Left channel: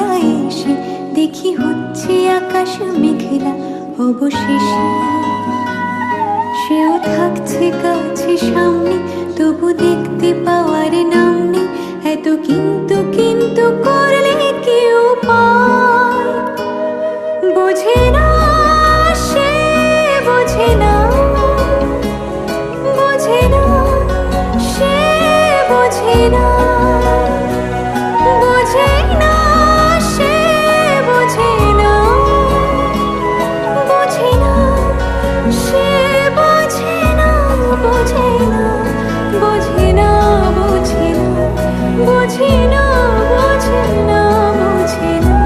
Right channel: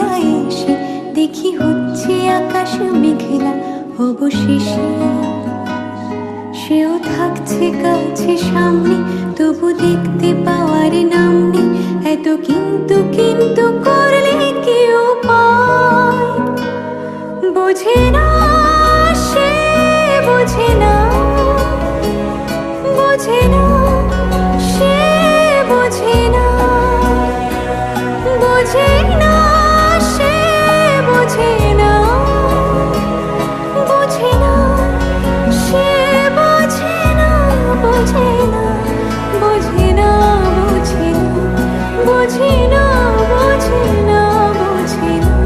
দোলায় এসে দেখি হচ্ছে আকাশ মেঘলা অবশেষে। সেও থাকছে কাছে সামনে, তবু দেখতে পাওয়ার নাম নেই। এত কিন্তু কিন্তু করলে কি উপায়? বোঝে না সে, বোঝে না, বোঝে না সে, বোঝে না, বোঝে না সে, বোঝে না, বোঝে না সে, বোঝে না, বোঝে না, বোঝে না, বোঝে না, বোঝে না, বোঝে না, বোঝে না।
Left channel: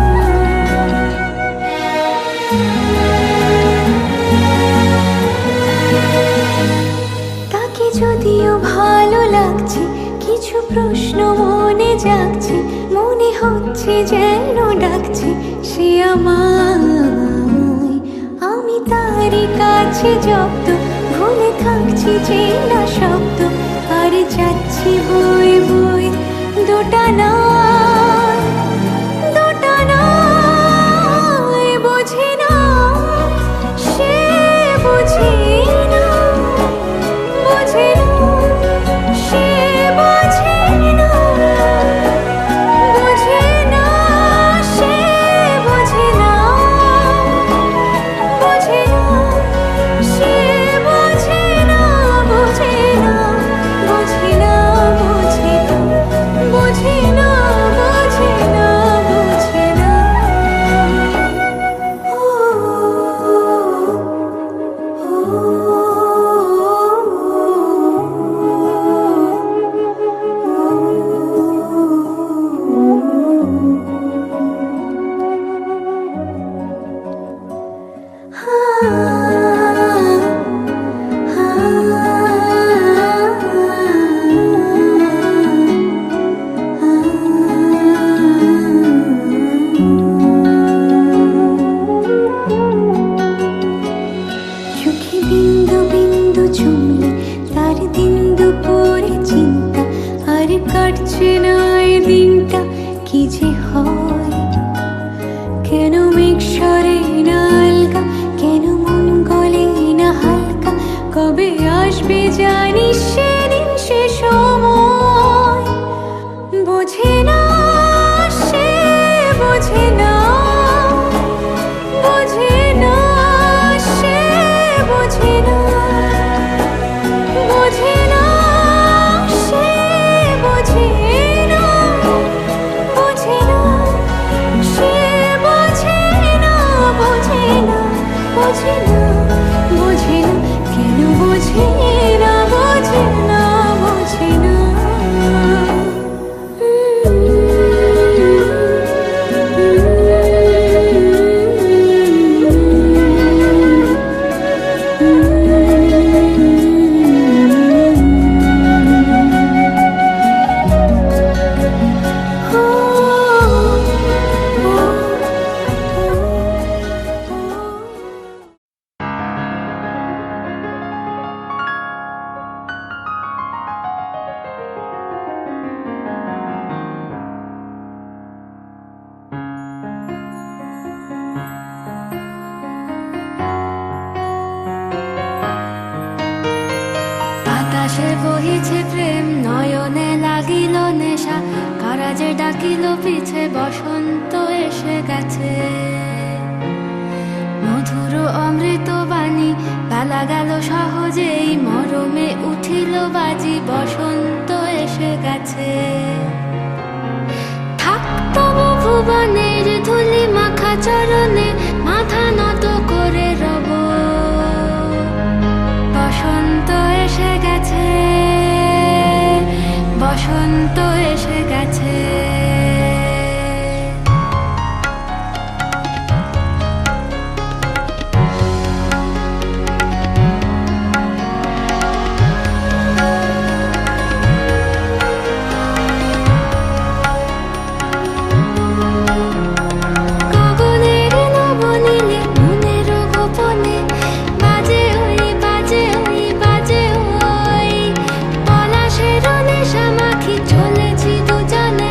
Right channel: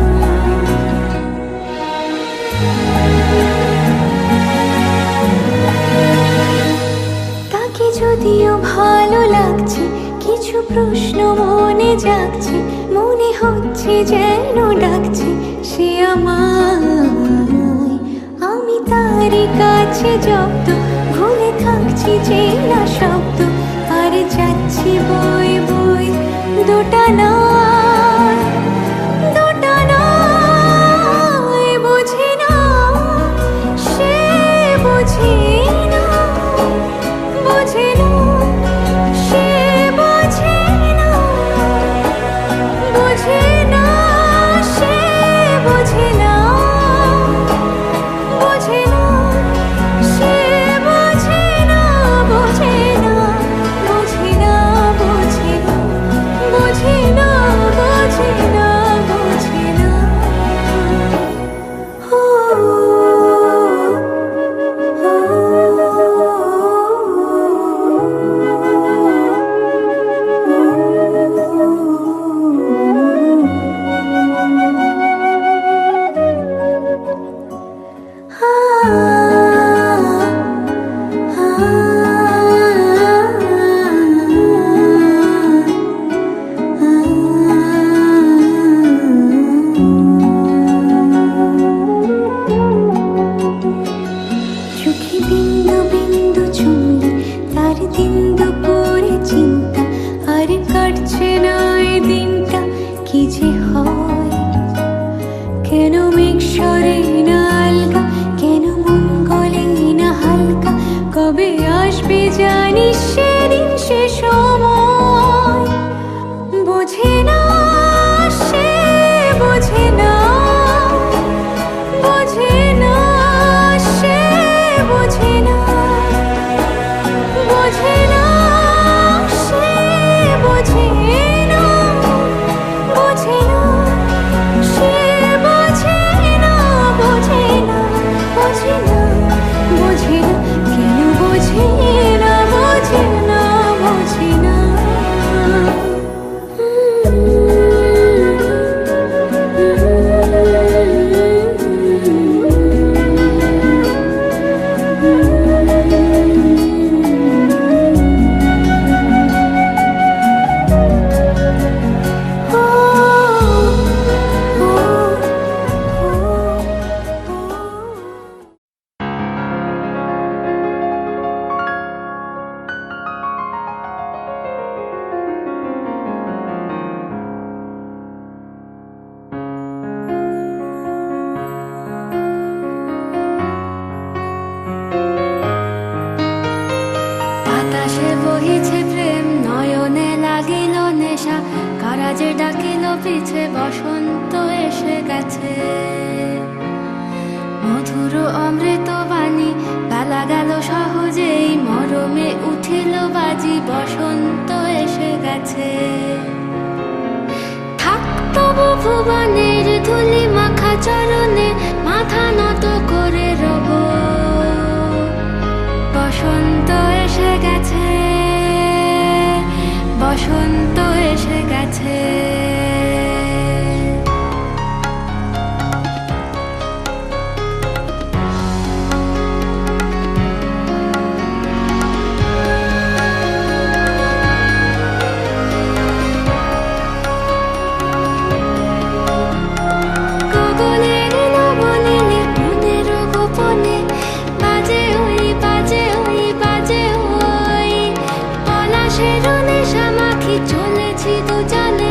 তাকে যদিও ভালো লাগছে, কিছু প্রশ্ন মনে জাগছে, মনে হচ্ছে যেন ডাকছে সে আমায়। আমি তারই কাছে জব্দ, ভুলে থাকছি চেনা শব্দ, আর যাচ্ছি বই বই দোটানায়, দোটানায়। বোঝে না সে, বোঝে না, বোঝে না সে, বোঝে না, বোঝে না সে, বোঝে না, বোঝে না সে, বোঝে না, বোঝে না, বোঝে না, বোঝে না, বোঝে না, বোঝে না, বোঝে না। চোখে বিন্দু বিন্দু চুমলে তার দিন দুপুরে চিন্তা, আর কাটছে না এ দিনটা কি যে হয়। কেন মেঘ সরে না আলগা, কেন মন গলে না হালকা, কবে আসবে জানিস সেদিন সে সময়। বোঝে না সে, বোঝে না, বোঝে না সে, বোঝে না, বোঝে না সে, বোঝে না, বোঝে না সে, বোঝে না, বোঝে না, বোঝে না, বোঝে না, কেন বোঝে না, বোঝে না, বোঝে না। বাতাসে বহিছে প্রেম, নয়নে লাগিল নেশা, কারাজে ডাকিল পিছে বসন্ত এসে গেছে। মধুর অমৃত বাণী বেলা গেল সহজেই, মরমে উঠিল বাজি, বসন্ত এসে গেছে। থাক তবু ভুবনের ধুলি মাখা চরণে, মাথা নত করে রব। বসন্ত এসে গেছে, বসন্ত এসে গেছে। গগনের নবনীলে মনের গোপনে, বাজে ওই, বাজে ওই, বাজে ওই। পলাশের নেশা মাখি চলেছি দুজনে,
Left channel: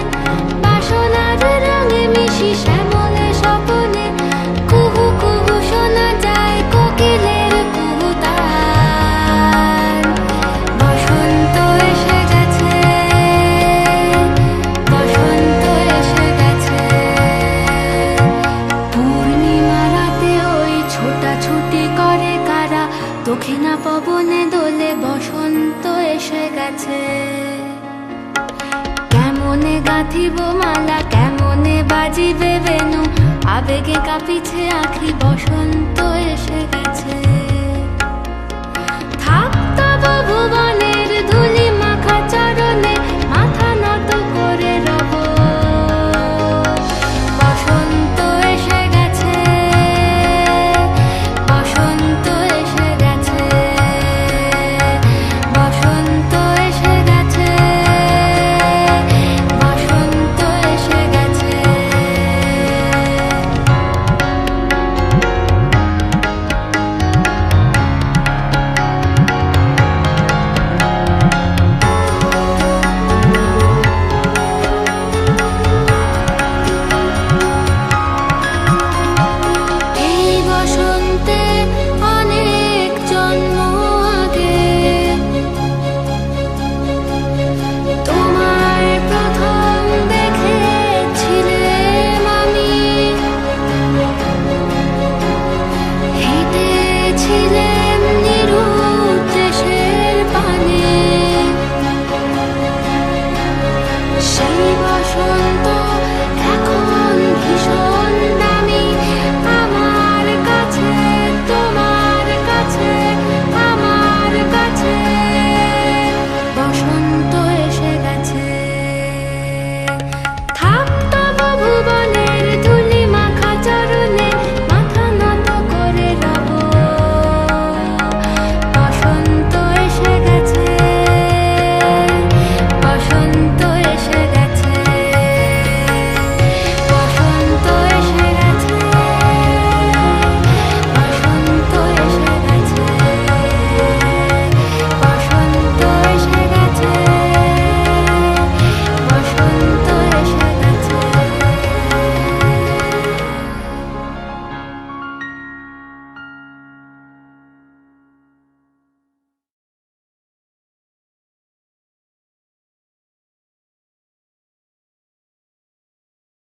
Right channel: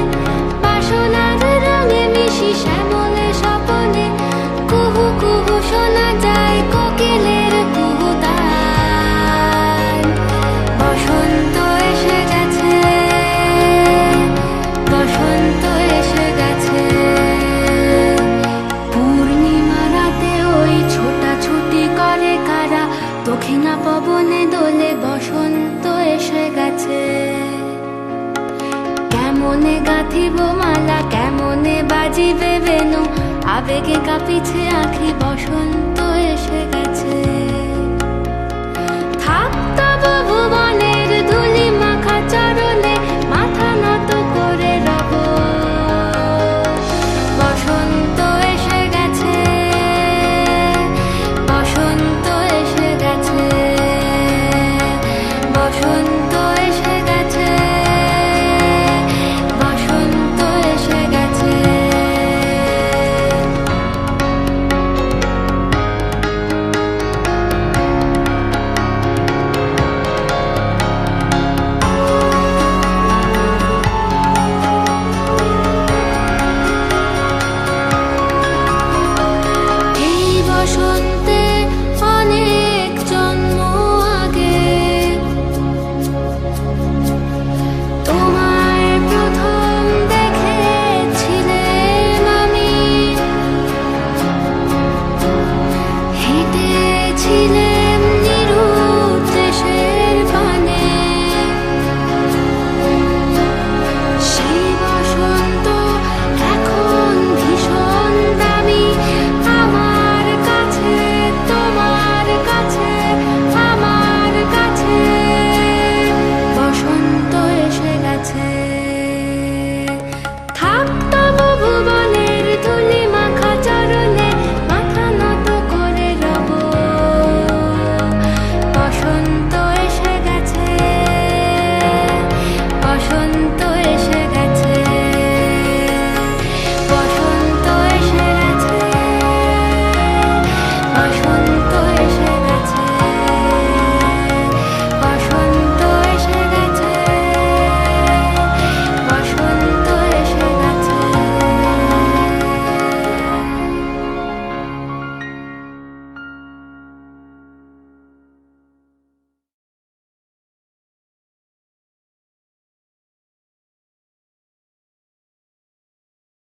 গেছে। কেমনে গাঁথিব মালা, কেমনে বাজিবে বেনু, আবেগে কাঁপিছে আখি, বসন্ত এসে গেছে।